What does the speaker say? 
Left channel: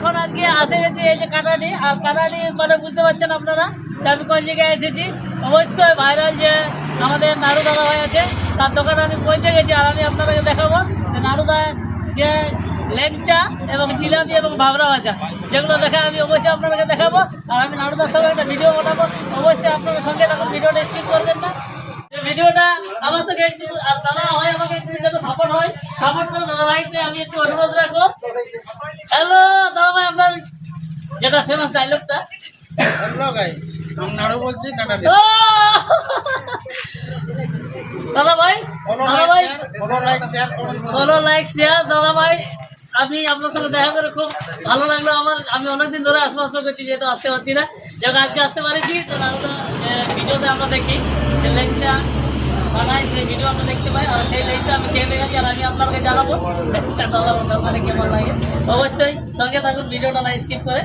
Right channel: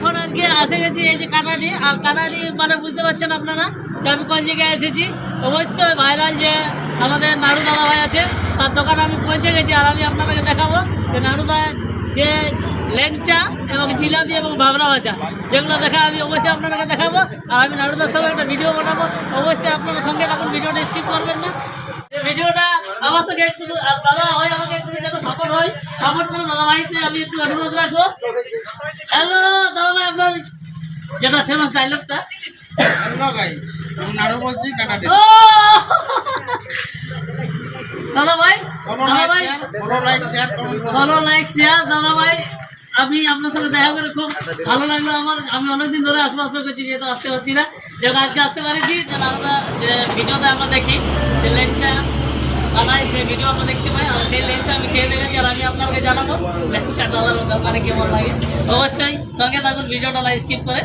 এখন আজকে আসে গেছি এই যে কাটারি, আর কাটারি মানে বুঝতে পারছেন আপনারা যে আমি কোন জায়গায় এসেছি। অবশ্যই ভাইরাল যে আমাদের নাড়ু দাদা ভাই আছে, তার দোকানে আমি পৌঁছে গেছি। আর আমি আপনাদেরকে দেখাবো যে নাড়ুদা যে ল্যাংচা এবং জিলাপি এবং ভাবরা ভাজা যেগুলো দেখে আমি অবশ্যই আপনাদেরকে দেখাবো। আর আমি নাড়ুদার সঙ্গে একটা ভিডিও বানাবো, অবশ্যই আপনাদের সঙ্গে তখন ভিডিওটা স্কিপ করবেন না। ভিডিওটা আমার সঙ্গে একটু আর দাদা হয় আমাকে একটু যেন সাপোর্ট হয়, সাপোর্ট করে দাদা ভাইকে আমি একটু অনুরোধ রাখবো। হ্যালো দাদা ভাই, আপনার যেটা ফেমাস ডায়লগটা। হ্যালো গাইস, আমি নাড়ু বলছি কাটারি। ও দাদা ভাই, দাদা ভাই ফলো লাইক শেয়ার করুন। Follow like share. দাদা ভাই আমি আপনার সঙ্গে দেখা করে খুব ভালো লাগলো আমার। আমি অনেকদিন ধরে আশপাশ করছি, যেহেতু আসতে পারছি না, যেহেতু আজকে আসতে পারেছি। তো দাদা যে ভিডিওতে আমরা দেখি যে লেংচা বানাই, সেই ভিডিও আমরা দেখতে পাই। আর সেই লেংচা আমি খেয়ে দেখেছি, আর আমি আপনাকে জানাবো লেংচা দাদার দোকানে কেমন লাগে। অবশ্যই সঙ্গে থাকুন, ভিডিওটা স্কিপ করে।